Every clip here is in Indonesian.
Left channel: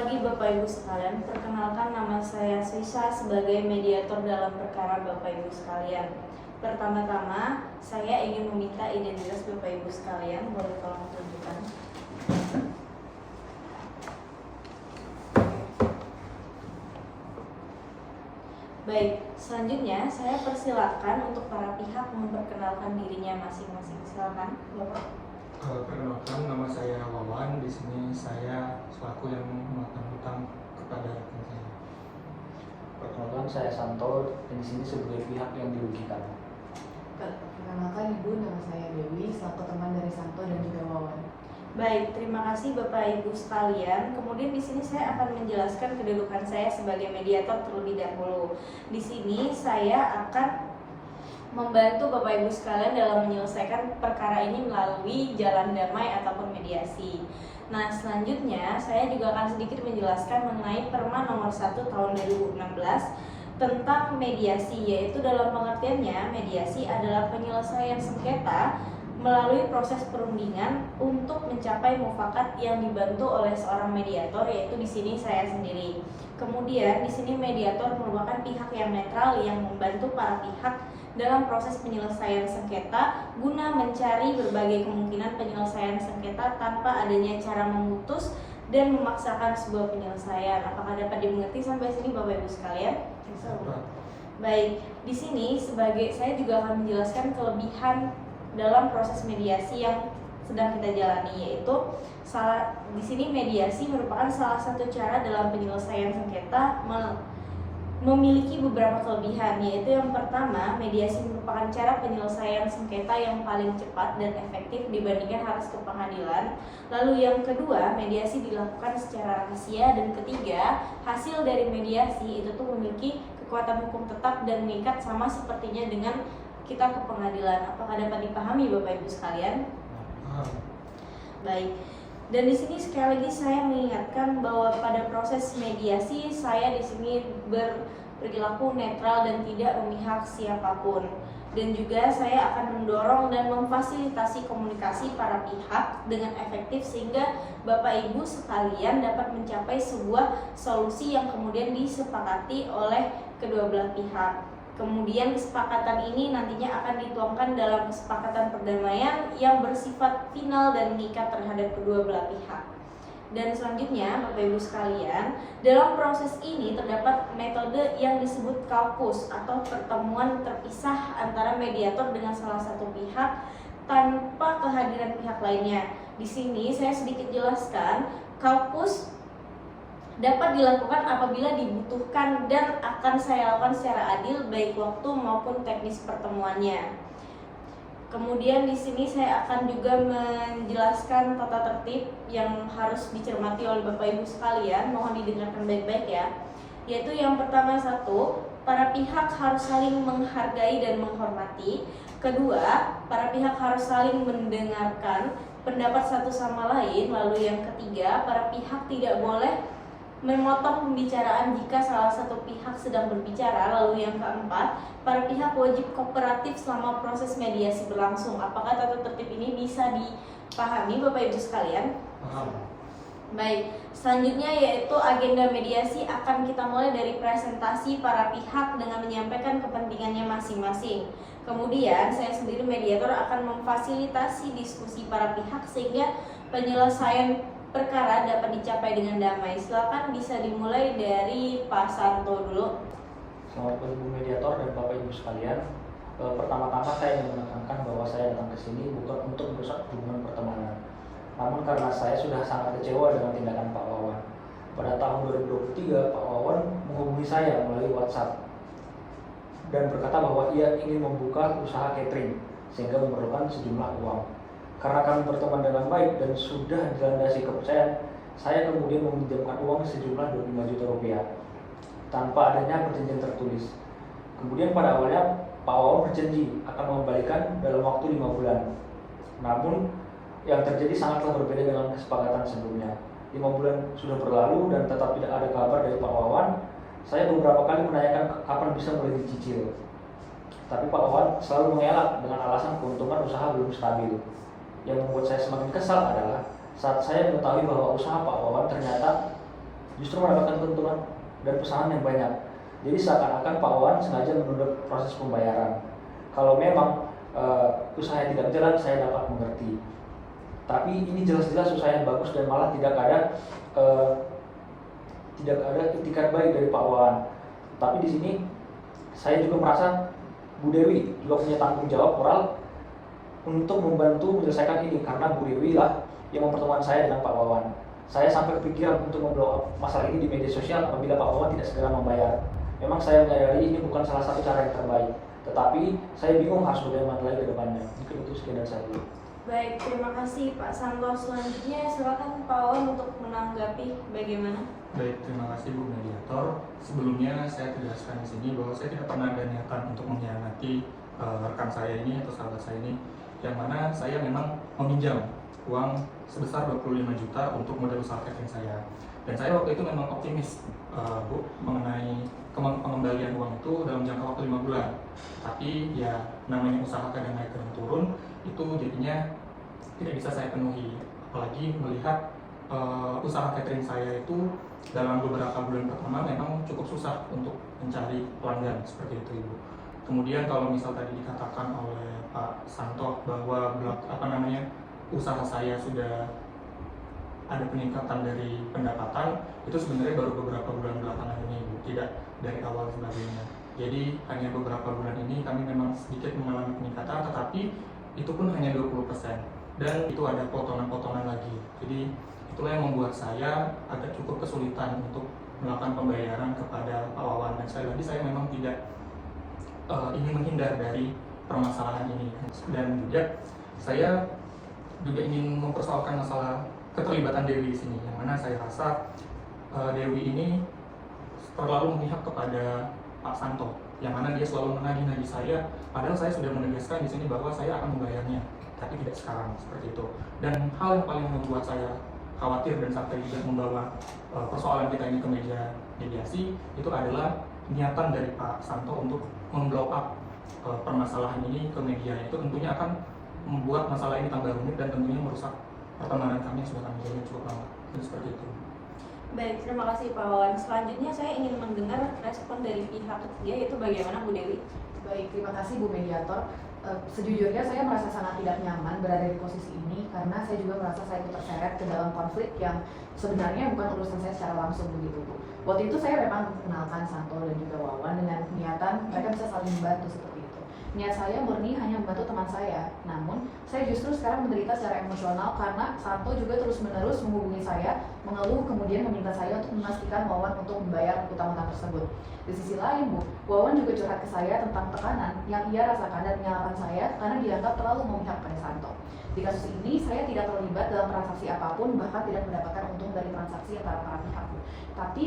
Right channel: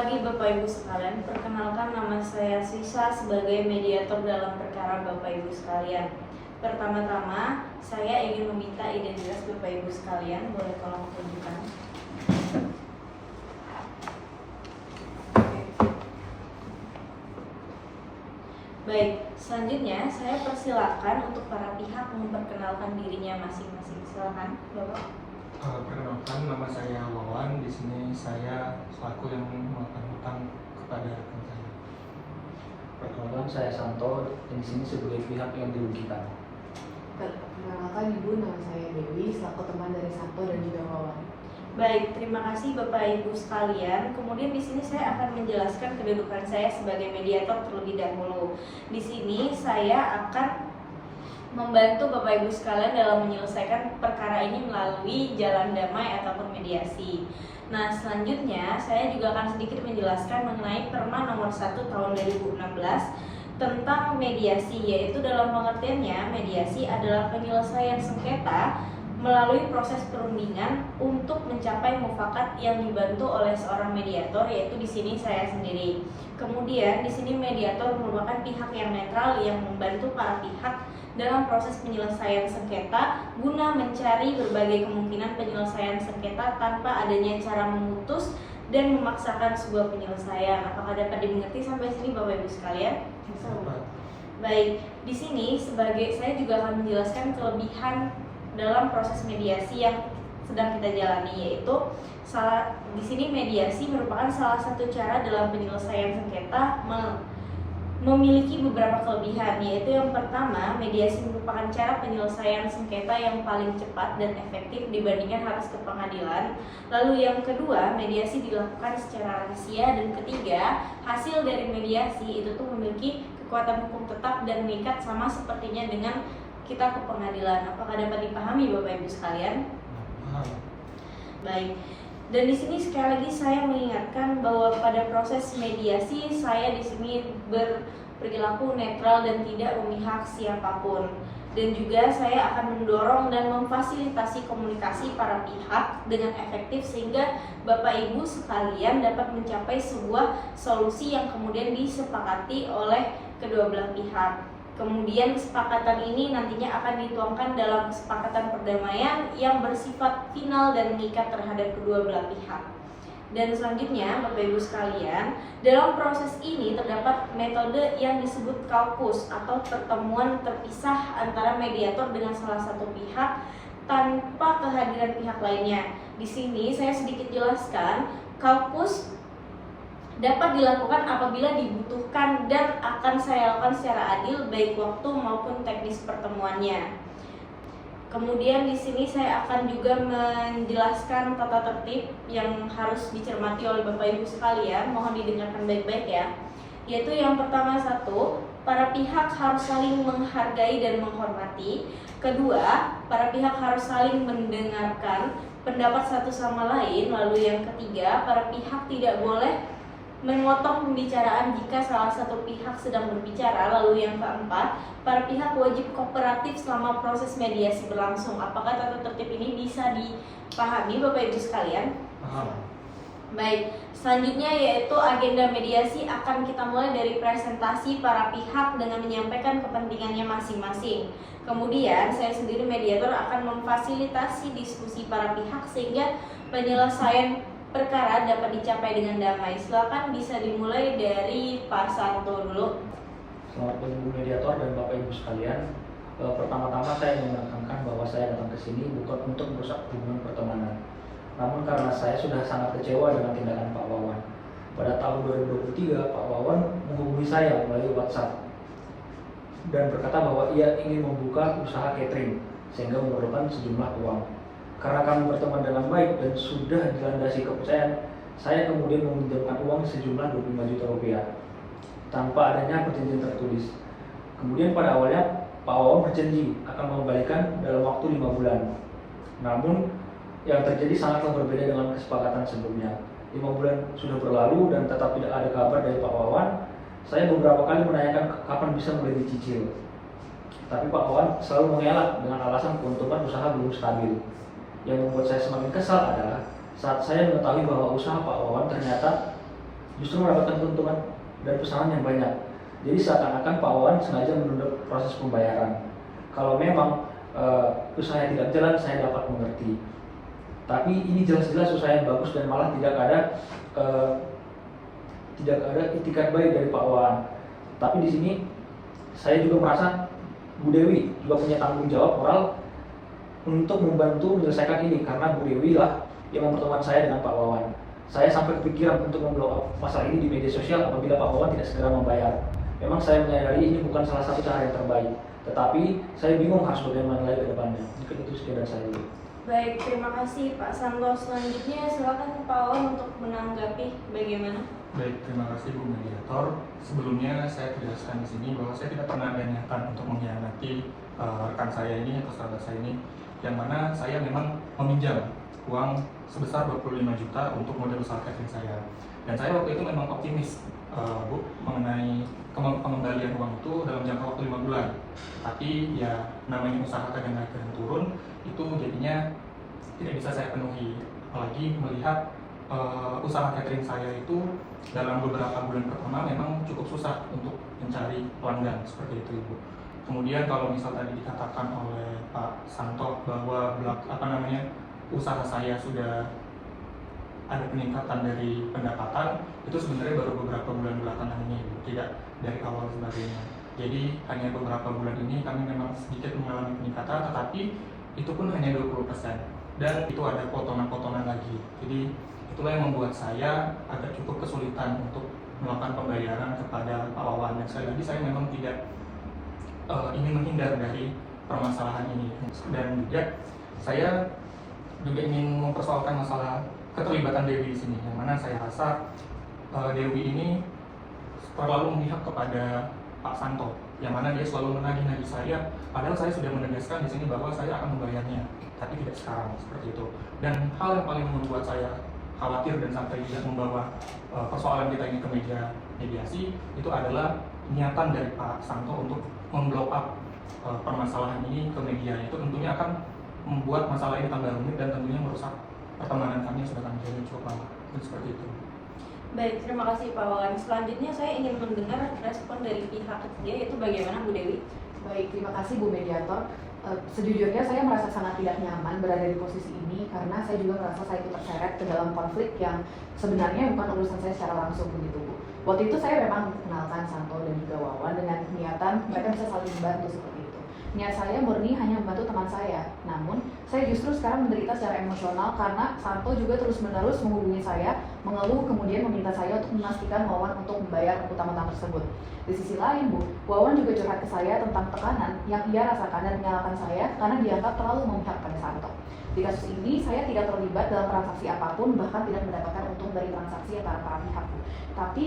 pagi Bapak Ibu sekalian, perkenalkan nama saya Sisa sebagai mediator dalam perkara Bapak Ibu sekalian. Pertama-tama, saya ingin meminta identitas Bapak Ibu sekalian, boleh tolong tunjukkan. Baik, selanjutnya saya persilakan untuk para pihak memperkenalkan dirinya masing-masing. Silakan, Bapak. Perkenalkan, nama saya Wawan. Di sini saya selaku yang melakukan hutang kepada rekan saya. Perkenalkan, saya Santo. Di sini sebagai pihak yang dirugikan. Perkenalkan Ibu, nama saya Dewi, selaku teman dari Santo dan juga Wawan. Baik, terima kasih Bapak Ibu sekalian. Kemudian di sini saya akan menjelaskan kedudukan saya sebagai mediator terlebih dahulu. Di sini saya akan membantu Bapak Ibu sekalian dalam menyelesaikan perkara ini melalui jalan damai ataupun mediasi. Nah, selanjutnya saya juga akan sedikit menjelaskan mengenai Perma nomor 1 tahun 2016 tentang mediasi, yaitu dalam pengertiannya mediasi adalah penyelesaian sengketa melalui proses perundingan untuk mencapai mufakat yang dibantu oleh seorang mediator, yaitu di sini saya sendiri. Kemudian di sini mediator merupakan pihak yang netral yang membantu para pihak dalam proses penyelesaian sengketa guna mencari berbagai kemungkinan penyelesaian sengketa tanpa adanya cara memutus dan memaksakan sebuah penyelesaian. Apakah dapat dimengerti sampai sini Bapak Ibu sekalian? Baik, di sini saya juga akan menjelaskan kelebihan dalam proses mediasi yang sedang kita jalani, yaitu di sini mediasi merupakan salah satu cara dalam penyelesaian sengketa memiliki beberapa kelebihan, yaitu yang pertama, mediasi merupakan cara penyelesaian sengketa yang paling cepat dan efektif dibandingkan harus ke pengadilan. Lalu yang kedua, mediasi dilakukan secara rahasia, dan ketiga, hasil dari mediasi itu tuh memiliki kekuatan hukum tetap dan mengikat sama sepertinya dengan kita ke pengadilan. Apakah dapat dipahami Bapak Ibu sekalian? Baik. Dan di sini sekali lagi saya mengingatkan bahwa pada proses mediasi saya di sini berperilaku netral dan tidak memihak siapapun. Dan juga saya akan mendorong dan memfasilitasi komunikasi para pihak dengan efektif sehingga Bapak Ibu sekalian dapat mencapai sebuah solusi yang kemudian disepakati oleh kedua belah pihak. Kemudian kesepakatan ini nantinya akan dituangkan dalam kesepakatan perdamaian yang bersifat final dan mengikat terhadap kedua belah pihak. Dan selanjutnya Bapak Ibu sekalian, dalam proses ini terdapat metode yang disebut kaukus atau pertemuan terpisah antara mediator dengan salah satu pihak tanpa kehadiran pihak lainnya. Di sini saya sedikit jelaskan, kaukus dapat dilakukan apabila dibutuhkan dan akan saya lakukan secara adil baik waktu maupun teknis pertemuannya. Kemudian di sini saya akan juga menjelaskan tata tertib yang harus dicermati oleh Bapak Ibu sekalian. Mohon didengarkan baik-baik ya. Yaitu yang pertama, satu, para pihak harus saling menghargai dan menghormati. Kedua, para pihak harus saling mendengarkan pendapat satu sama lain. Lalu yang ketiga, para pihak tidak boleh memotong pembicaraan jika salah satu pihak sedang berbicara. Lalu yang keempat, para pihak wajib kooperatif selama proses mediasi berlangsung. Apakah tata tertib ini bisa dipahami Bapak Ibu sekalian? Baik, selanjutnya yaitu agenda mediasi akan kita mulai dari presentasi para pihak dengan menyampaikan kepentingannya masing-masing. Kemudian saya sendiri mediator akan memfasilitasi diskusi para pihak sehingga penyelesaian perkara dapat dicapai dengan damai. Silakan bisa dimulai dari Pak Santo dulu. Selamat pagi mediator dan Bapak Ibu sekalian. Pertama-tama saya ingin menekankan bahwa saya datang ke sini bukan untuk merusak hubungan pertemanan. Namun karena saya sudah sangat kecewa dengan tindakan Pak Wawan. Pada tahun 2023, Pak Wawan menghubungi saya melalui WhatsApp dan berkata bahwa ia ingin membuka usaha catering sehingga memerlukan sejumlah uang. Karena kami berteman dengan baik dan sudah dilandasi kepercayaan, saya kemudian meminjamkan uang sejumlah 25 juta rupiah tanpa adanya perjanjian tertulis. Kemudian pada awalnya Pak Wawan berjanji akan mengembalikan dalam waktu 5 bulan. Namun yang terjadi sangatlah berbeda dengan kesepakatan sebelumnya. 5 bulan sudah berlalu dan tetap tidak ada kabar dari Pak Wawan. Saya beberapa kali menanyakan kapan bisa mulai dicicil. Tapi Pak Wawan selalu mengelak dengan alasan keuntungan usaha belum stabil. Yang membuat saya semakin kesal adalah saat saya mengetahui bahwa usaha Pak Wawan ternyata justru mendapatkan keuntungan dan pesanan yang banyak. Jadi seakan-akan Pak Wawan sengaja menunda proses pembayaran. Kalau memang usaha yang tidak jalan, saya dapat mengerti. Tapi ini jelas-jelas usaha yang bagus dan malah tidak ada itikat baik dari Pak Wawan. Tapi di sini saya juga merasa Bu Dewi juga punya tanggung jawab moral untuk membantu menyelesaikan ini, karena Bu Dewi lah yang mempertemukan saya dengan Pak Wawan. Saya sampai kepikiran untuk memblow up masalah ini di media sosial apabila Pak Wawan tidak segera membayar. Memang saya menyadari ini bukan salah satu cara yang terbaik, tetapi saya bingung harus bagaimana lagi ke depannya. Mungkin itu sekedar saya. Baik, terima kasih Pak Santo. Selanjutnya silakan Pak Wawan untuk menanggapi bagaimana. Baik, terima kasih Bu Mediator. Sebelumnya saya tegaskan di sini bahwa saya tidak pernah ada niatan untuk mengkhianati rekan saya ini atau sahabat saya ini, yang mana saya memang meminjam uang sebesar 25 juta untuk modal usaha catering saya. Dan saya waktu itu memang optimis Bu mengenai pengembalian uang itu dalam jangka waktu 5 bulan. Tapi ya namanya usaha kadang naik kadang turun, itu jadinya tidak bisa saya penuhi. Apalagi melihat usaha catering saya itu dalam beberapa bulan pertama memang cukup susah untuk mencari pelanggan seperti itu Ibu. Kemudian kalau misal tadi dikatakan oleh Pak Santo bahwa usaha saya sudah ada peningkatan dari pendapatan, itu sebenarnya baru beberapa bulan belakangan ini Ibu, tidak dari awal sebagainya. Jadi hanya beberapa bulan ini kami memang sedikit mengalami peningkatan, tetapi itu pun hanya 20%, dan itu ada potongan-potongan lagi. Jadi itulah yang membuat saya agak cukup kesulitan untuk melakukan pembayaran kepada Pak Wawan. Dan sekali lagi saya memang tidak ingin menghindar dari permasalahan ini, dan juga saya juga ingin mempersoalkan masalah keterlibatan Dewi di sini, yang mana saya rasa Dewi ini terlalu memihak kepada Pak Santo, yang mana dia selalu menagih-nagih saya, padahal saya sudah menegaskan di sini bahwa saya akan membayarnya, tapi tidak sekarang seperti itu. Dan hal yang paling membuat saya khawatir dan sampai tidak membawa persoalan kita ini ke meja mediasi itu adalah niatan dari Pak Santo untuk memblow up permasalahan ini ke media. Itu tentunya akan membuat masalah ini tambah rumit dan tentunya merusak pertemanan kami yang sudah kami jalin cukup lama. Dan seperti itu. Baik, terima kasih Pak Wawan. Selanjutnya saya ingin mendengar respon dari pihak ketiga, yaitu bagaimana Bu Dewi. Baik, terima kasih Bu Mediator. Sejujurnya saya merasa sangat tidak nyaman berada di posisi ini karena saya juga merasa saya ikut terseret ke dalam konflik yang sebenarnya bukan urusan saya secara langsung begitu Bu. Waktu itu saya memang mengenalkan Santo dan juga Wawan dengan niatan mereka bisa saling membantu seperti itu. Niat saya murni hanya membantu teman saya, namun saya justru sekarang menderita secara emosional karena Santo juga terus-menerus menghubungi saya, mengeluh kemudian meminta saya untuk memastikan Wawan untuk membayar utang-utang tersebut. Di sisi lain Bu, Wawan juga curhat ke saya tentang tekanan yang ia rasakan dan menyalahkan saya karena dianggap terlalu memihak pada Santo. Di kasus ini saya tidak terlibat dalam transaksi apapun, bahkan tidak mendapatkan untung dari transaksi antara para pihak Bu. Tapi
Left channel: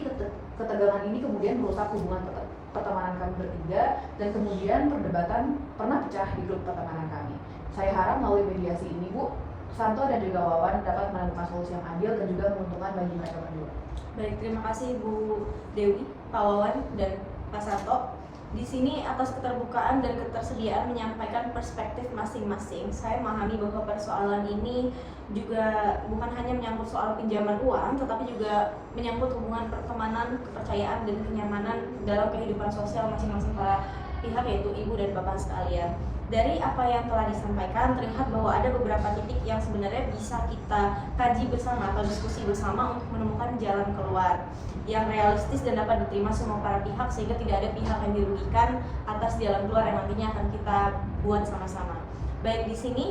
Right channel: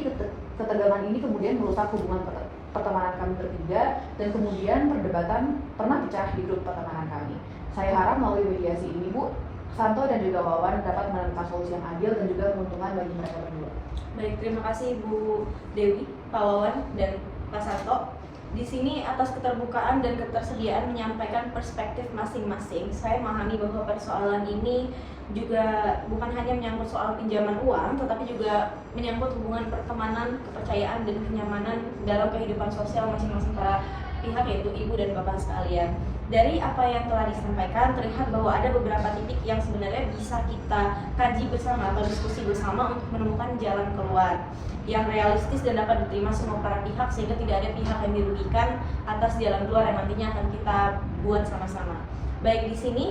ketegangan ini kemudian merusak hubungan pertemanan kami bertiga, dan kemudian perdebatan pernah pecah di grup pertemanan kami. Saya harap melalui mediasi ini Bu, Santo dan juga Wawan dapat menemukan solusi yang adil dan juga menguntungkan bagi mereka berdua. Baik, terima kasih Bu Dewi, Pak Wawan, dan Pak Santo. Di sini atas keterbukaan dan ketersediaan menyampaikan perspektif masing-masing. Saya memahami bahwa persoalan ini juga bukan hanya menyangkut soal pinjaman uang, tetapi juga menyangkut hubungan pertemanan, kepercayaan, dan kenyamanan dalam kehidupan sosial masing-masing para pihak, yaitu Ibu dan Bapak sekalian. Dari apa yang telah disampaikan, terlihat bahwa ada beberapa titik yang sebenarnya bisa kita kaji bersama atau diskusi bersama untuk menemukan jalan keluar yang realistis dan dapat diterima semua para pihak, sehingga tidak ada pihak yang dirugikan atas jalan keluar yang nantinya akan kita buat sama-sama. Baik, di sini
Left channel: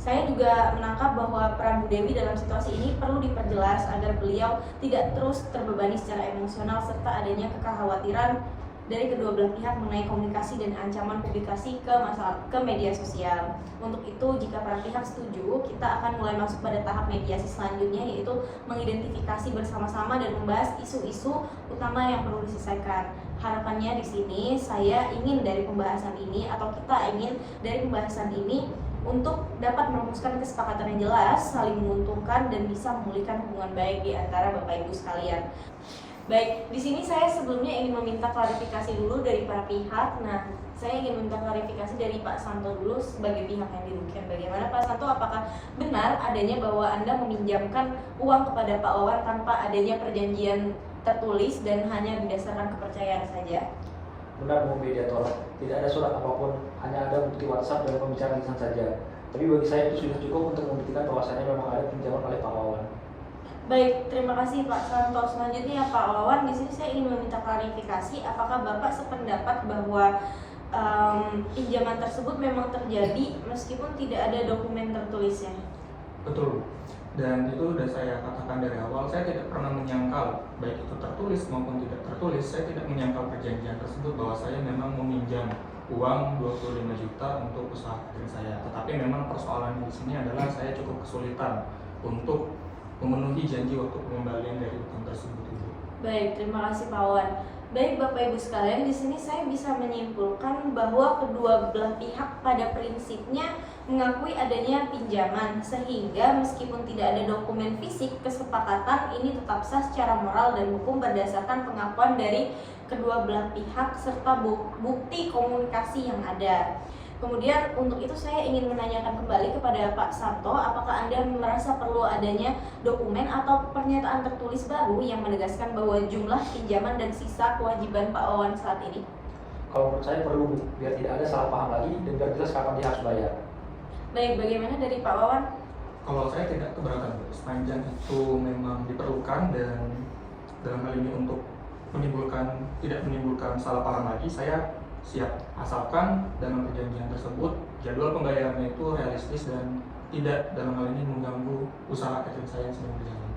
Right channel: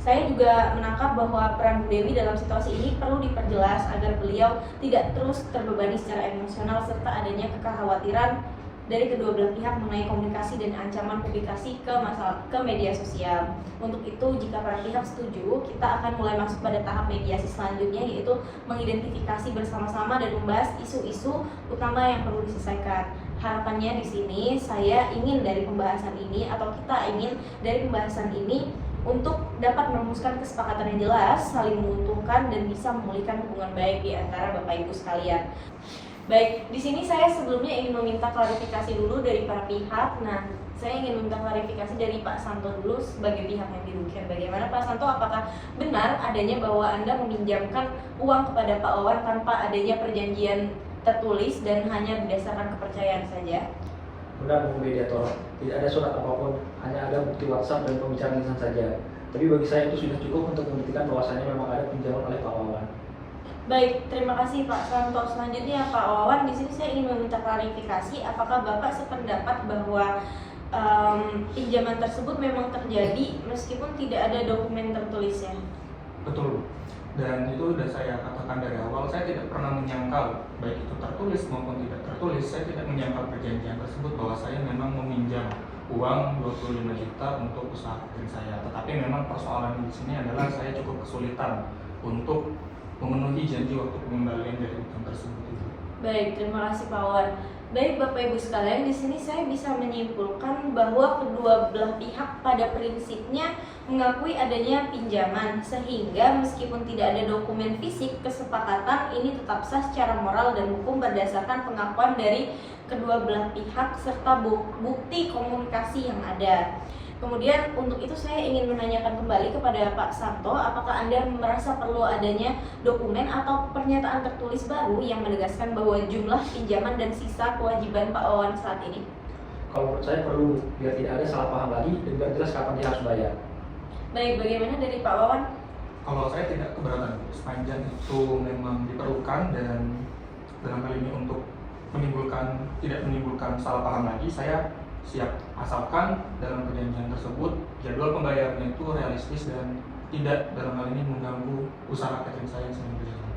saya juga menangkap bahwa peran Bu Dewi dalam situasi ini perlu diperjelas agar beliau tidak terus terbebani secara emosional, serta adanya kekhawatiran dari kedua belah pihak mengenai komunikasi dan ancaman publikasi ke media sosial. Untuk itu, jika para pihak setuju, kita akan mulai masuk pada tahap mediasi selanjutnya, yaitu mengidentifikasi bersama-sama dan membahas isu-isu utama yang perlu diselesaikan. Harapannya di sini saya ingin dari pembahasan ini, atau kita ingin dari pembahasan ini untuk dapat merumuskan kesepakatan yang jelas, saling menguntungkan, dan bisa memulihkan hubungan baik di antara Bapak Ibu sekalian. Baik, di sini saya sebelumnya ingin meminta klarifikasi dulu dari para pihak. Nah, Saya ingin minta klarifikasi dari Pak Santo dulu sebagai pihak yang dirugikan. Bagaimana Pak Santo, apakah benar adanya bahwa Anda meminjamkan uang kepada Pak Wawan tanpa adanya perjanjian tertulis dan hanya berdasarkan kepercayaan saja? Benar, Bu Mediator. Tidak ada surat apapun, hanya ada bukti WhatsApp dan pembicaraan lisan saja. Tapi bagi saya itu sudah cukup untuk membuktikan bahwasannya memang ada pinjaman oleh Pak Wawan. Baik, terima kasih Pak Santo. Selanjutnya Pak Wawan, di sini saya ingin meminta klarifikasi, apakah Bapak sependapat bahwa pinjaman tersebut memang terjadi meskipun tidak ada dokumen tertulisnya? Betul. Dan itu sudah saya katakan dari awal, saya tidak pernah menyangkal baik itu tertulis maupun tidak tertulis. Saya tidak menyangkal perjanjian tersebut bahwa saya memang meminjam uang 25 juta untuk usaha catering saya. Tetapi memang persoalan di sini adalah saya cukup kesulitan untuk memenuhi janji waktu pengembalian dari utang tersebut itu. Baik, terima kasih Pak Wawan. Baik Bapak Ibu sekalian, di sini saya bisa menyimpulkan bahwa kedua belah pihak pada prinsipnya mengakui adanya pinjaman, sehingga meskipun tidak ada dokumen fisik, kesepakatan ini tetap sah secara moral dan hukum berdasarkan pengakuan dari kedua belah pihak serta bukti komunikasi yang ada. Kemudian untuk itu saya ingin menanyakan kembali kepada Pak Santo, apakah Anda merasa perlu adanya dokumen atau pernyataan tertulis baru yang menegaskan bahwa jumlah pinjaman dan sisa kewajiban Pak Wawan saat ini? Kalau menurut saya perlu, biar tidak ada salah paham lagi dan biar jelas kapan dia harus bayar. Baik, bagaimana dari Pak Wawan? Kalau saya tidak keberatan, sepanjang itu memang diperlukan dan dalam hal ini untuk tidak menimbulkan salah paham lagi, saya siap, asalkan dalam perjanjian tersebut jadwal pembayarannya itu realistis dan tidak dalam hal ini mengganggu usaha catering saya yang sedang berjalan.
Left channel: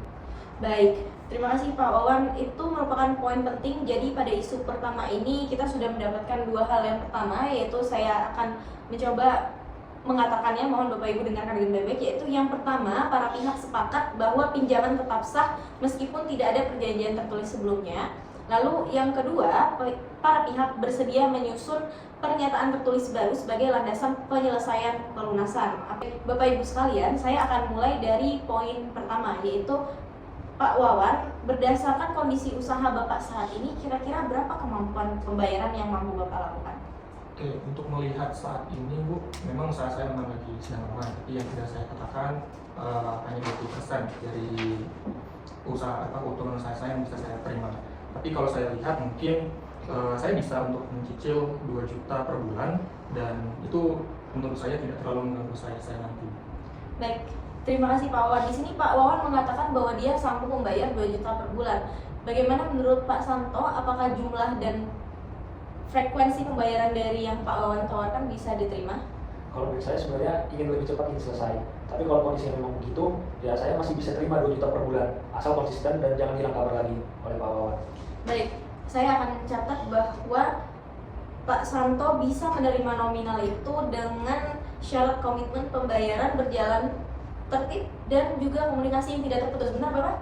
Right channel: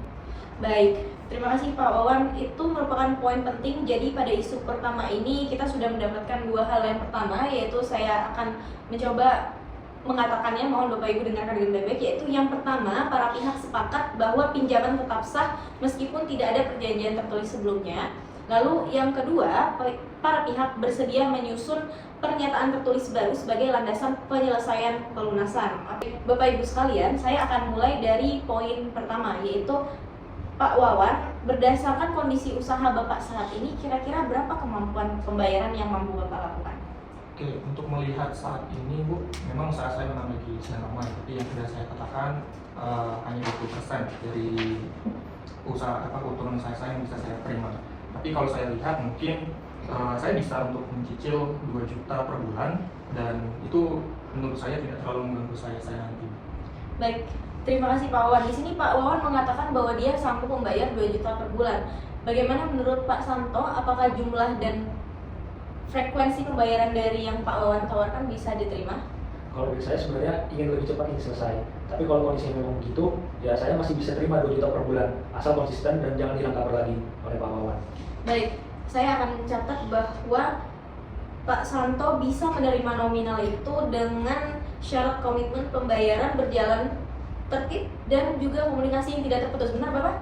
Baik, terima kasih Pak Wawan. Itu merupakan poin penting. Jadi pada isu pertama ini kita sudah mendapatkan dua hal. Yang pertama yaitu saya akan mencoba mengatakannya, mohon Bapak Ibu dengarkan dengan baik-baik. Yaitu yang pertama, para pihak sepakat bahwa pinjaman tetap sah meskipun tidak ada perjanjian tertulis sebelumnya. Lalu yang kedua, para pihak bersedia menyusun pernyataan tertulis baru sebagai landasan penyelesaian pelunasan. Bapak Ibu sekalian, saya akan mulai dari poin pertama, yaitu Pak Wawan, berdasarkan kondisi usaha Bapak saat ini, kira-kira berapa kemampuan pembayaran yang mampu Bapak lakukan? Oke, untuk melihat saat ini Bu, memang usaha saya memang lagi sedang aman, tapi yang sudah saya katakan hanya 20% dari usaha keuntungan usaha saya yang bisa saya terima. Tapi kalau saya lihat mungkin saya bisa untuk mencicil 2 juta per bulan dan itu menurut saya tidak terlalu mengganggu saya nanti. Baik, terima kasih Pak Wawan. Di sini Pak Wawan mengatakan bahwa dia sanggup membayar 2 juta per bulan. Bagaimana menurut Pak Santo, apakah jumlah dan frekuensi pembayaran dari yang Pak Wawan tawarkan bisa diterima? Kalau dari saya sebenarnya ingin lebih cepat ini selesai. Tapi kalau kondisinya memang begitu, ya saya masih bisa terima 2 juta per bulan, asal konsisten dan jangan hilang kabar lagi oleh Pak Wawan. Baik, saya akan mencatat bahwa Pak Santo bisa menerima nominal itu dengan syarat komitmen pembayaran berjalan tertib dan juga komunikasi yang tidak terputus. Benar Bapak?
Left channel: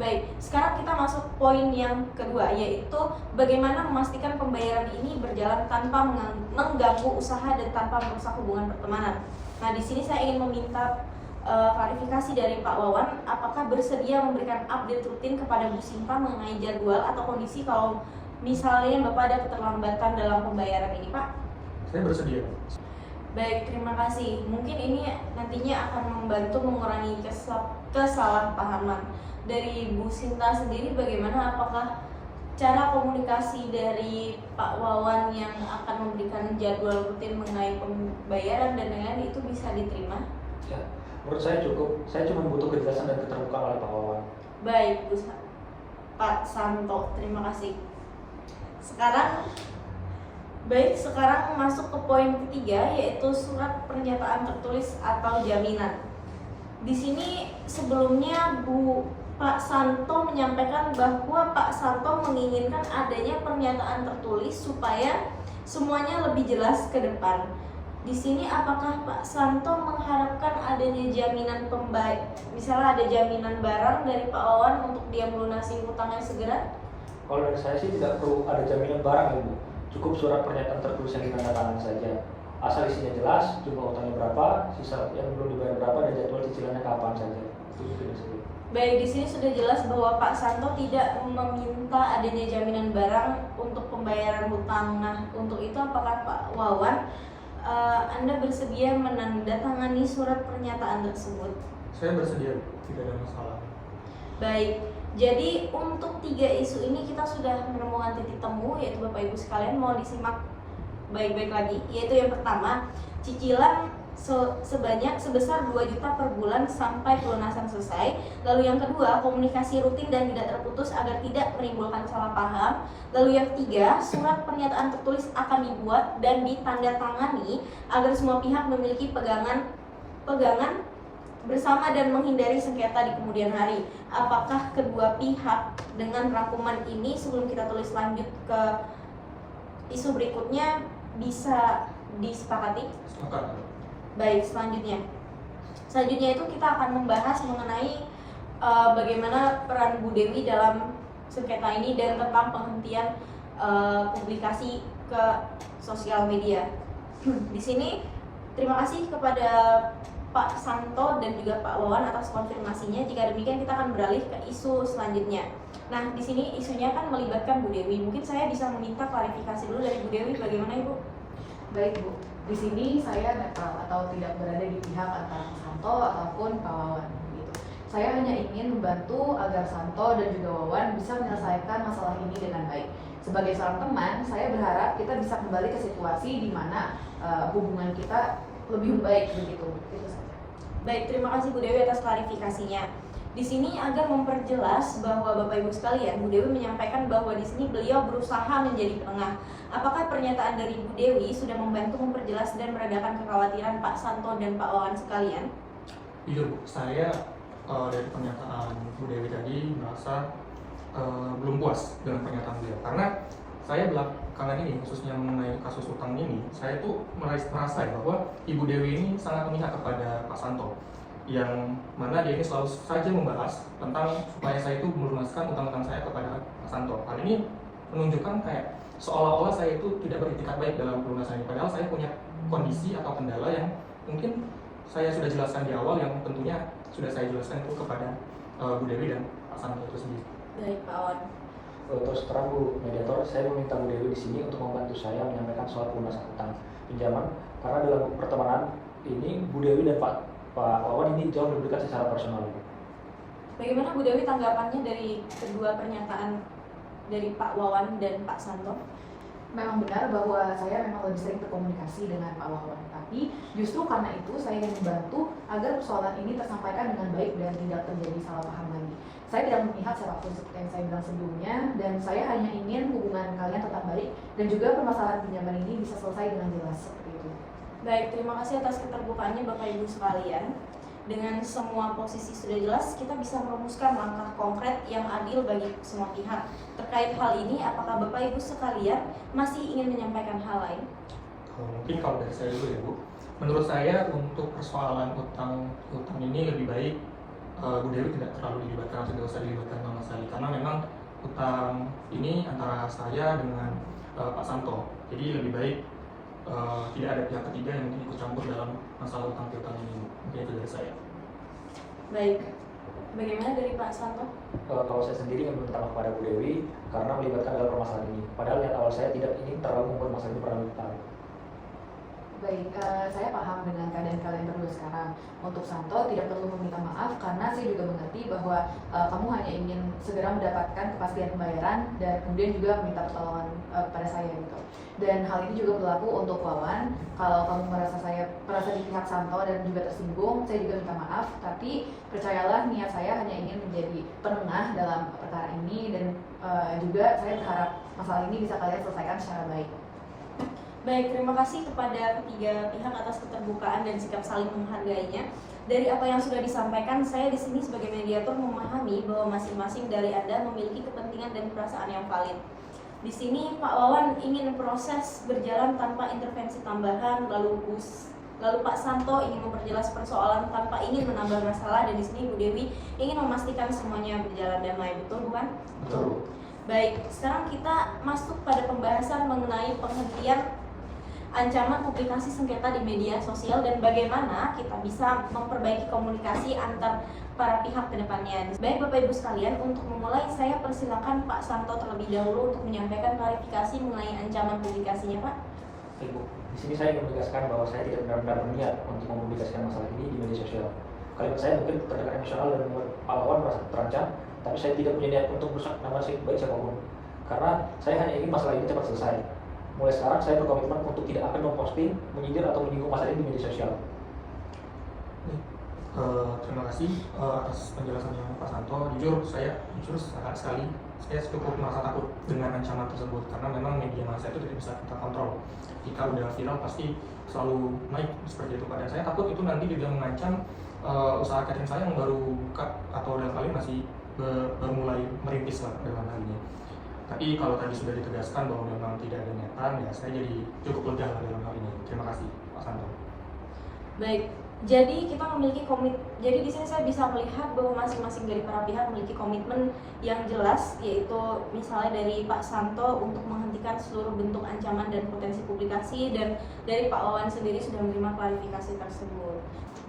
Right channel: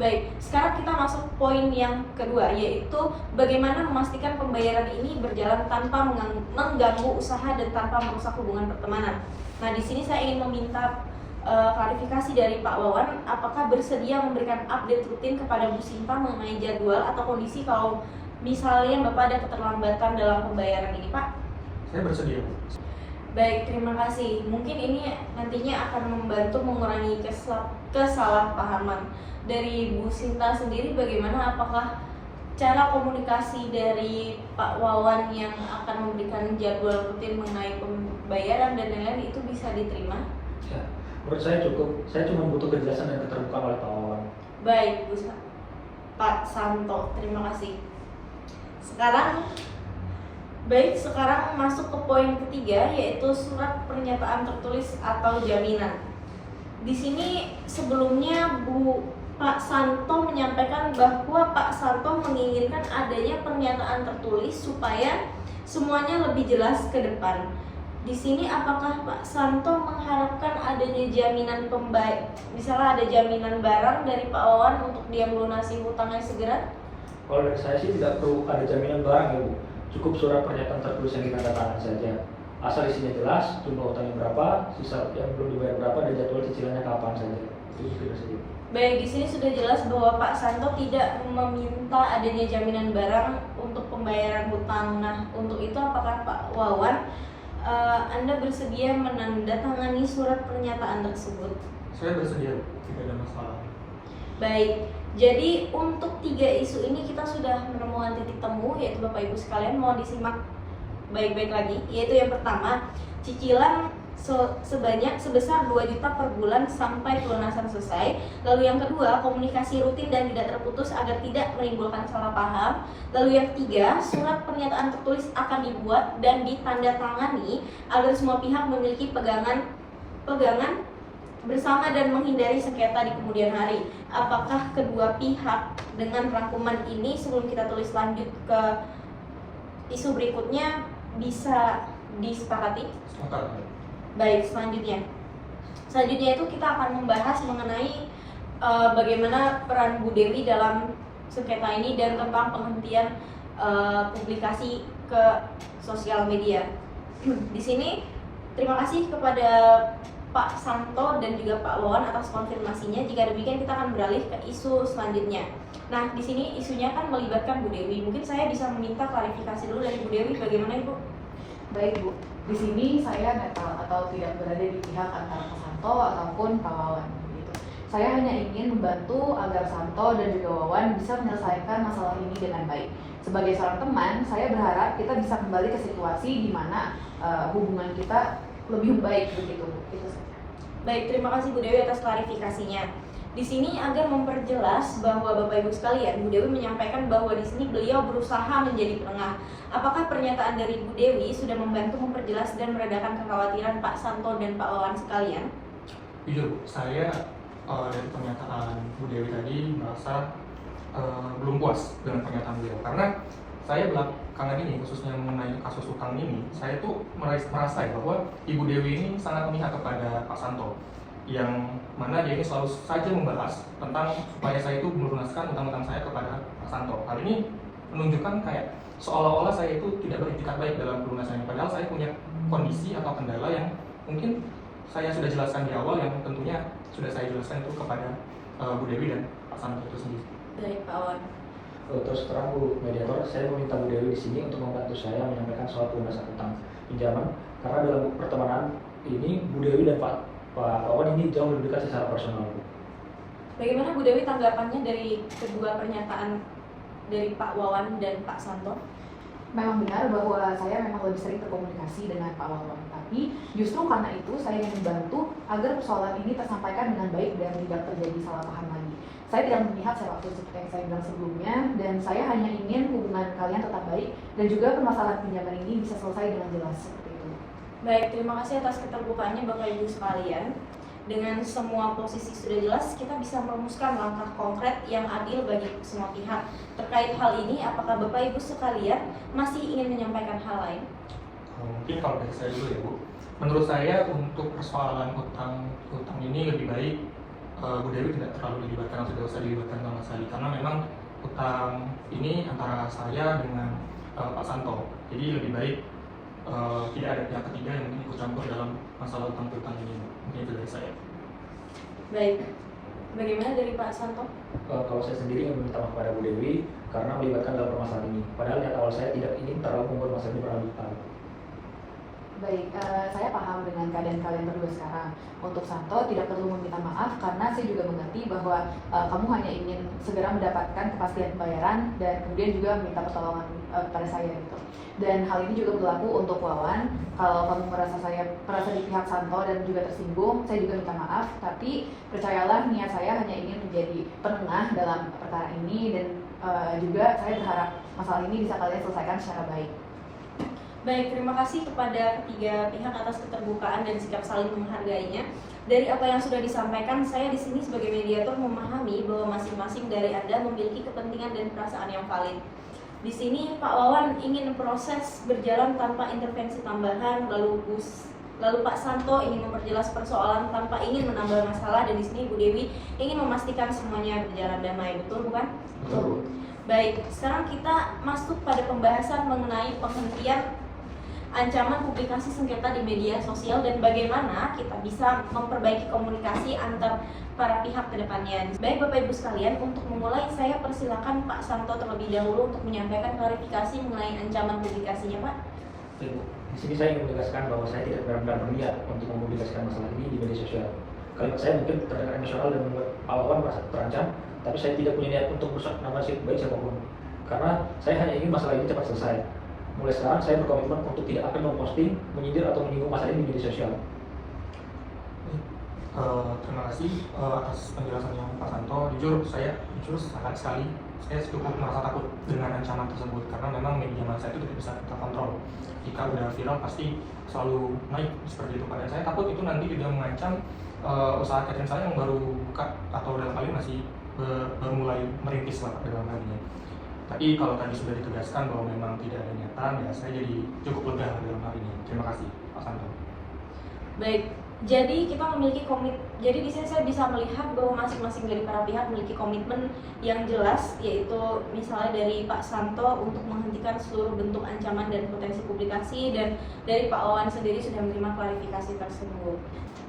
Baik, sekarang kita masuk poin yang kedua, yaitu bagaimana memastikan pembayaran ini berjalan tanpa mengganggu usaha dan tanpa merusak hubungan pertemanan. Nah, di sini saya ingin meminta klarifikasi dari Pak Wawan, apakah bersedia memberikan update rutin kepada Bu Sinta mengenai jadwal atau kondisi kalau misalnya Bapak ada keterlambatan dalam pembayaran ini, Pak? Saya bersedia. Baik, terima kasih. Mungkin ini nantinya akan membantu mengurangi kesalahpahaman. Dari Bu Sinta sendiri bagaimana, apakah cara komunikasi dari Pak Wawan yang akan memberikan jadwal rutin mengenai pembayaran dan lain-lain itu bisa diterima? Ya, menurut saya cukup. Saya cuma butuh kejelasan dan keterbukaan oleh Pak Wawan. Baik, Pak Santo, terima kasih. Sekarang masuk ke poin ketiga, yaitu surat pernyataan tertulis atau jaminan. Di sini sebelumnya Pak Santo menyampaikan bahwa Pak Santo menginginkan adanya pernyataan tertulis supaya semuanya lebih jelas ke depan. Di sini apakah Pak Santo mengharapkan adanya jaminan misalnya ada jaminan barang dari Pak Wawan untuk dia melunasi hutangnya segera? Kalau dari saya sih tidak perlu ada jaminan barang ya Bu. Cukup surat pernyataan tertulis yang ditandatangani saja. Asal isinya jelas, jumlah hutangnya berapa, sisa yang belum dibayar berapa, dan jadwal cicilannya kapan saja. Itu sudah saja. Baik, di sini sudah jelas bahwa Pak Santo tidak meminta adanya jaminan barang untuk pembayaran hutang. Nah, untuk itu apakah Pak Wawan Anda bersedia menandatangani surat pernyataan tersebut? Saya bersedia, tidak ada masalah. Baik, jadi untuk 3 isu ini kita sudah menemukan titik temu, yaitu Bapak Ibu sekalian mohon disimak baik-baik lagi. Yaitu yang pertama, cicilan sebesar 2 juta per bulan sampai pelunasan selesai. Lalu yang kedua, komunikasi rutin dan tidak terputus agar tidak menimbulkan salah paham. Lalu yang ketiga, surat pernyataan tertulis akan dibuat dan ditandatangani agar semua pihak memiliki pegangan bersama dan menghindari sengketa di kemudian hari. Apakah kedua pihak dengan rangkuman ini, sebelum kita tulis lanjut ke isu berikutnya, bisa disepakati? Sepakat. Baik, selanjutnya itu kita akan membahas mengenai bagaimana peran Bu Dewi dalam sengketa ini dan tentang penghentian publikasi ke sosial media. Di sini terima kasih kepada Pak Santo dan juga Pak Wawan atas konfirmasinya. Jika demikian kita akan beralih ke isu selanjutnya. Nah, di sini isunya kan melibatkan Bu Dewi. Mungkin saya bisa meminta klarifikasi dulu dari Bu Dewi, bagaimana Ibu? Baik Bu, di sini saya netral atau tidak berada di pihak antara Pak Santo ataupun Pak Wawan. Gitu. Saya hanya ingin membantu agar Santo dan juga Wawan bisa menyelesaikan masalah ini dengan baik. Sebagai seorang teman, saya berharap kita bisa kembali ke situasi di mana hubungan kita lebih baik begitu Bu. Itu saja. Baik, terima kasih Bu Dewi atas klarifikasinya. Di sini agar memperjelas bahwa Bapak Ibu sekalian, Bu Dewi menyampaikan bahwa di sini beliau berusaha menjadi penengah. Apakah pernyataan dari Bu Dewi sudah membantu memperjelas dan meredakan kekhawatiran Pak Santo dan Pak Wawan sekalian? Jujur, saya dari pernyataan Bu Dewi tadi merasa belum puas dengan pernyataan beliau, karena saya belakangan ini, khususnya mengenai kasus utang ini, saya tuh merasa bahwa Ibu Dewi ini sangat memihak kepada Pak Santo, yang mana dia ini selalu saja membahas tentang supaya saya itu melunaskan utang-utang saya kepada Pak Santo. Hal ini menunjukkan kayak seolah-olah saya itu tidak beritikat baik dalam pelunasannya, padahal saya punya kondisi atau kendala yang mungkin saya sudah jelaskan di awal, yang tentunya sudah saya jelaskan itu kepada Bu Dewi dan Pak Santo itu sendiri. Baik, Pak Wawan. Terus terang Bu Mediator, saya meminta Bu Dewi di sini untuk membantu saya menyampaikan soal pelunasan utang pinjaman, karena dalam pertemanan ini Bu Dewi dan Pak Wawan ini jauh lebih dekat secara personal. Bagaimana Bu Dewi tanggapannya dari kedua pernyataan dari Pak Wawan dan Pak Santo? Memang benar bahwa saya memang lebih sering berkomunikasi dengan Pak Wawan, tapi justru karena itu saya ingin membantu agar persoalan ini tersampaikan dengan baik dan tidak terjadi salah paham lagi. Saya tidak memihak siapapun seperti yang saya bilang sebelumnya, dan saya hanya ingin hubungan kalian tetap baik dan juga permasalahan pinjaman ini bisa selesai dengan jelas seperti itu. Baik, terima kasih atas keterbukaannya Bapak Ibu sekalian. Dengan semua posisi sudah jelas, kita bisa merumuskan langkah konkret yang adil bagi semua pihak. Terkait hal ini, apakah Bapak Ibu sekalian masih ingin menyampaikan hal lain? Mungkin kalau dari saya dulu ya Bu, menurut saya untuk persoalan utang ini lebih baik Bu Dewi tidak terlalu dilibatkan atau tidak usah dilibatkan sama sekali, karena memang utang ini antara saya dengan Pak Santo, jadi lebih baik tidak ada pihak ketiga yang mungkin ikut campur dalam masalah utang piutang ini. Mungkin itu dari saya. Baik, bagaimana dari Pak Santo? Kalau saya sendiri ingin meminta maaf kepada Bu Dewi karena melibatkan dalam permasalahan ini. Padahal niat awal saya tidak ingin terlalu membuat masalah ini berlarut-larut. Baik, saya paham dengan keadaan kalian berdua sekarang. Untuk Santo tidak perlu meminta maaf karena saya juga mengerti bahwa kamu hanya ingin segera mendapatkan kepastian pembayaran dan kemudian juga meminta pertolongan pada saya gitu. Dan hal ini juga berlaku untuk Wawan. Kalau kamu merasa di pihak Santo dan juga tersinggung, saya juga minta maaf. Tapi percayalah, niat saya hanya ingin menjadi penengah dalam perkara ini, dan juga saya berharap masalah ini bisa kalian selesaikan secara baik. Baik, terima kasih kepada ketiga pihak atas keterbukaan dan sikap saling menghargainya. Dari apa yang sudah disampaikan, saya di sini sebagai mediator memahami bahwa masing-masing dari Anda memiliki kepentingan dan perasaan yang valid. Di sini Pak Wawan ingin proses berjalan tanpa intervensi tambahan, lalu Pak Santo ingin memperjelas persoalan tanpa ingin menambah masalah, dan di sini Bu Dewi ingin memastikan semuanya berjalan damai. Betul bukan? Betul. Baik, sekarang kita masuk pada pembahasan mengenai penghentian ancaman publikasi sengketa di media sosial dan bagaimana kita bisa memperbaiki komunikasi antar para pihak ke depannya. Baik Bapak Ibu sekalian, untuk memulai saya persilakan Pak Santo terlebih dahulu untuk menyampaikan klarifikasi mengenai ancaman publikasinya, Pak. Ibu, di sini saya ingin menegaskan bahwa saya tidak benar-benar berniat untuk mempublikasikan masalah ini di media sosial. Kalimat saya mungkin terdengar emosional dan membuat Pak Wawan merasa terancam, tapi saya tidak punya niat untuk merusak nama baik siapapun. Karena saya hanya ingin masalah ini cepat selesai. Mulai sekarang saya berkomitmen untuk tidak akan memposting, menyindir atau menyinggung masalah ini di media sosial. Terima kasih atas penjelasannya Pak Santo. Jujur sangat sekali saya cukup merasa takut dengan ancaman tersebut karena memang media massa itu tidak bisa kita kontrol. Jika udah viral pasti selalu naik seperti itu. Dan saya takut itu nanti juga mengancam usaha catering saya yang baru buka atau dalam hal ini masih baru mulai merintis lah dalam hal ini. Tapi kalau tadi sudah ditegaskan bahwa memang tidak ada niatan, ya saya jadi cukup lega dalam hal ini. Terima kasih Pak Santo. Baik, jadi kita memiliki jadi di sini saya bisa melihat bahwa masing-masing dari para pihak memiliki komitmen yang jelas, yaitu misalnya dari Pak Santo untuk menghentikan seluruh bentuk ancaman dan potensi publikasi, dan dari Pak Wawan sendiri sudah menerima klarifikasi tersebut.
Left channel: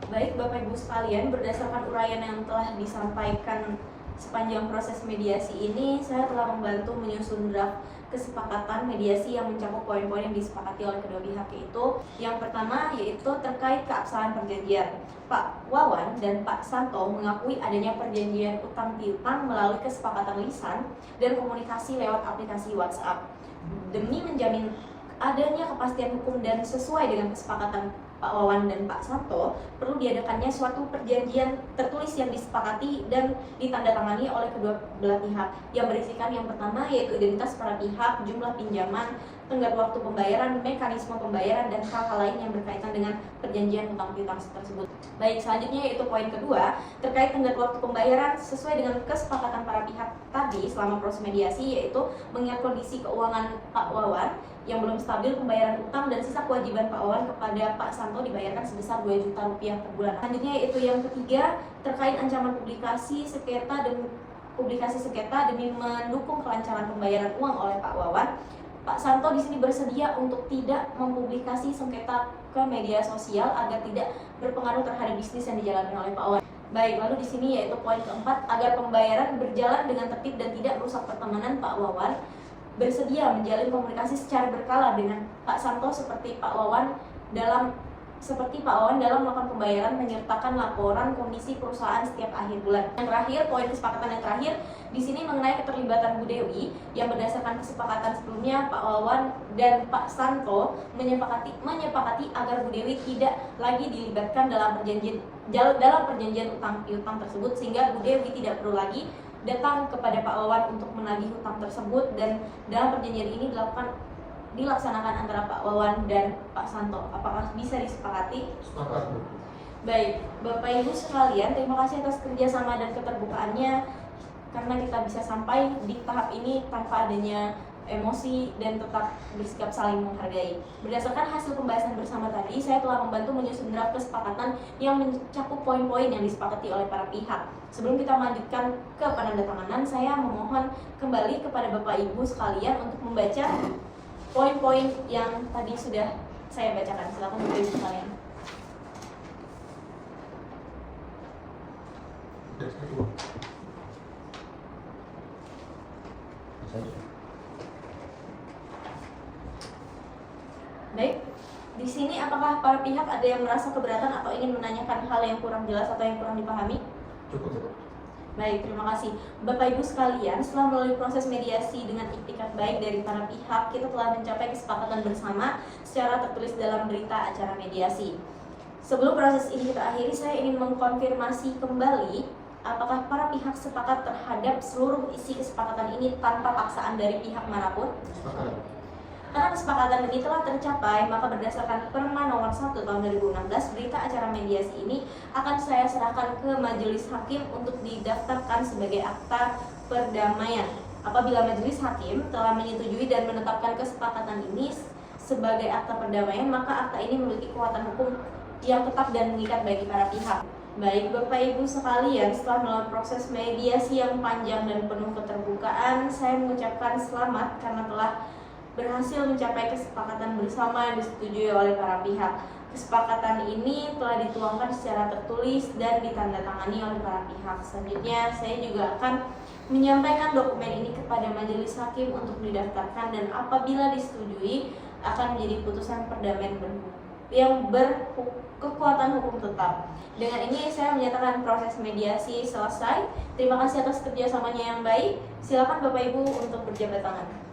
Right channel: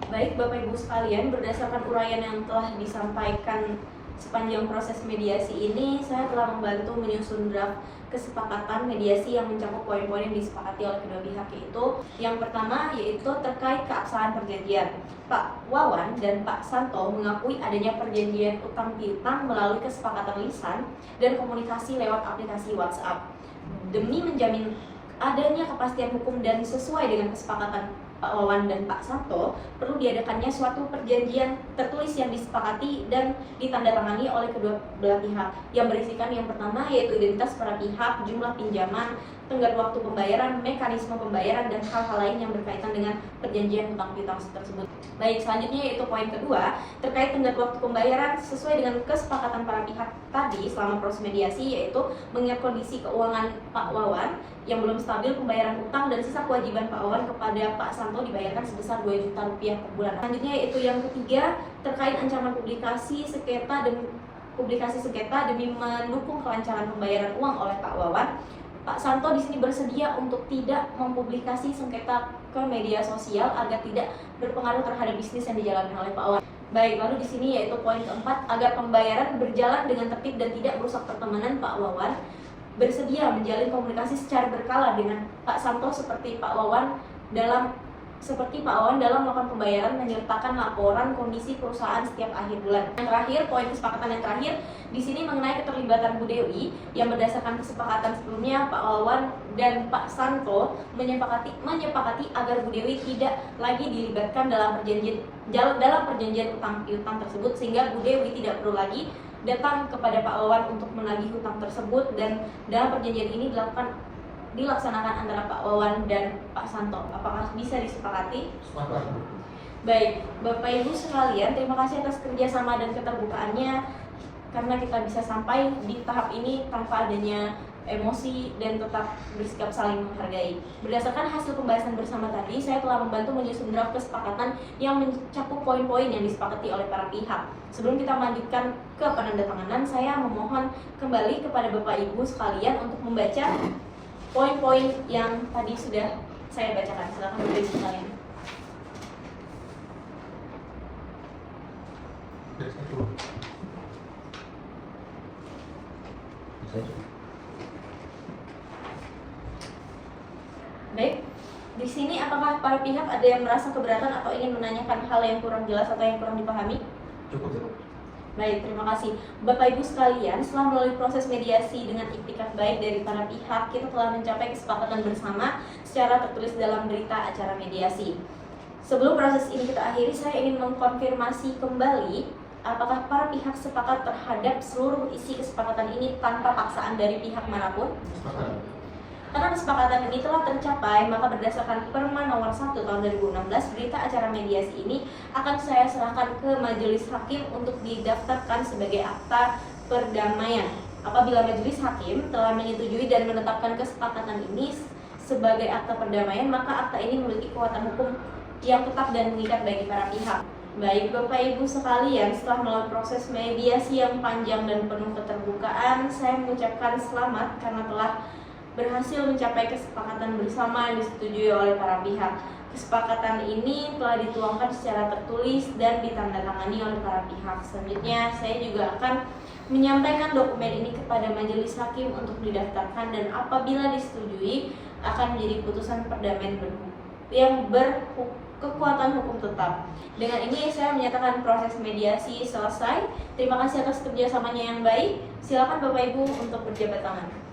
Baik Bapak Ibu sekalian, berdasarkan uraian yang telah disampaikan sepanjang proses mediasi ini, saya telah membantu menyusun draft kesepakatan mediasi yang mencakup poin-poin yang disepakati oleh kedua pihak, yaitu yang pertama yaitu terkait keabsahan perjanjian. Pak Wawan dan Pak Santo mengakui adanya perjanjian utang piutang melalui kesepakatan lisan dan komunikasi lewat aplikasi WhatsApp. Demi menjamin adanya kepastian hukum dan sesuai dengan kesepakatan Pak Wawan dan Pak Santo, perlu diadakannya suatu perjanjian tertulis yang disepakati dan ditandatangani oleh kedua belah pihak yang berisikan yang pertama yaitu identitas para pihak, jumlah pinjaman, tenggat waktu pembayaran, mekanisme pembayaran, dan hal-hal lain yang berkaitan dengan perjanjian utang piutang tersebut. Baik, selanjutnya yaitu poin kedua terkait tenggat waktu pembayaran sesuai dengan kesepakatan para pihak tadi selama proses mediasi, yaitu mengingat kondisi keuangan Pak Wawan yang belum stabil pembayaran utang dan sisa kewajiban Pak Wawan kepada Pak Santo dibayarkan sebesar 2 juta rupiah per bulan. Selanjutnya yaitu yang ketiga terkait ancaman publikasi sengketa demi mendukung kelancaran pembayaran uang oleh Pak Wawan. Pak Santo di sini bersedia untuk tidak mempublikasi sengketa ke media sosial agar tidak berpengaruh terhadap bisnis yang dijalani oleh Pak Wawan. Baik, lalu di sini yaitu poin keempat, agar pembayaran berjalan dengan tertib dan tidak merusak pertemanan, Pak Wawan bersedia menjalin komunikasi secara berkala dengan Pak Santo seperti Pak Wawan dalam melakukan pembayaran, menyertakan laporan kondisi perusahaan setiap akhir bulan. Yang terakhir, poin kesepakatan yang terakhir di sini mengenai keterlibatan Bu Dewi, yang berdasarkan kesepakatan sebelumnya Pak Wawan dan Pak Santo menyepakati agar Bu Dewi tidak lagi dilibatkan dalam perjanjian utang piutang tersebut, sehingga Bu Dewi tidak perlu lagi datang kepada Pak Wawan untuk menagih hutang tersebut, dan dalam perjanjian ini dilaksanakan antara Pak Wawan dan Pak Santo. Apakah bisa disepakati? Sepakat. Baik, Bapak Ibu sekalian, terima kasih atas kerjasama dan keterbukaannya karena kita bisa sampai di tahap ini tanpa adanya emosi dan tetap bersikap saling menghargai. Berdasarkan hasil pembahasan bersama tadi, saya telah membantu menyusun draft kesepakatan yang mencakup poin-poin yang disepakati oleh para pihak. Sebelum kita melanjutkan ke penandatanganan, saya memohon kembali kepada Bapak Ibu sekalian untuk membaca poin-poin yang tadi sudah saya bacakan. Silakan Bapak Ibu sekalian. Baik, di sini apakah para pihak ada yang merasa keberatan atau ingin menanyakan hal yang kurang jelas atau yang kurang dipahami? Cukup. Baik, terima kasih. Bapak Ibu sekalian, setelah melalui proses mediasi dengan iktikat baik dari para pihak, kita telah mencapai kesepakatan bersama secara tertulis dalam berita acara mediasi. Sebelum proses ini kita akhiri, saya ingin mengkonfirmasi kembali apakah para pihak sepakat terhadap seluruh isi kesepakatan ini tanpa paksaan dari pihak manapun? Sepakat. Karena kesepakatan ini telah tercapai, maka berdasarkan Perma Nomor 1 Tahun 2016, berita acara mediasi ini akan saya serahkan ke Majelis Hakim untuk didaftarkan sebagai akta perdamaian. Apabila Majelis Hakim telah menyetujui dan menetapkan kesepakatan ini sebagai akta perdamaian, maka akta ini memiliki kekuatan hukum yang tetap dan mengikat bagi para pihak. Baik Bapak Ibu sekalian, setelah melalui proses mediasi yang panjang dan penuh keterbukaan, saya mengucapkan selamat karena telah berhasil mencapai kesepakatan bersama yang disetujui oleh para pihak. Kesepakatan ini telah dituangkan secara tertulis dan ditandatangani oleh para pihak. Selanjutnya, saya juga akan menyampaikan dokumen ini kepada majelis hakim untuk didaftarkan dan apabila disetujui akan menjadi putusan perdamaian yang berkekuatan hukum tetap. Dengan ini saya menyatakan proses mediasi selesai. Terima kasih atas kerjasamanya yang baik. Silakan Bapak Ibu untuk berjabat tangan.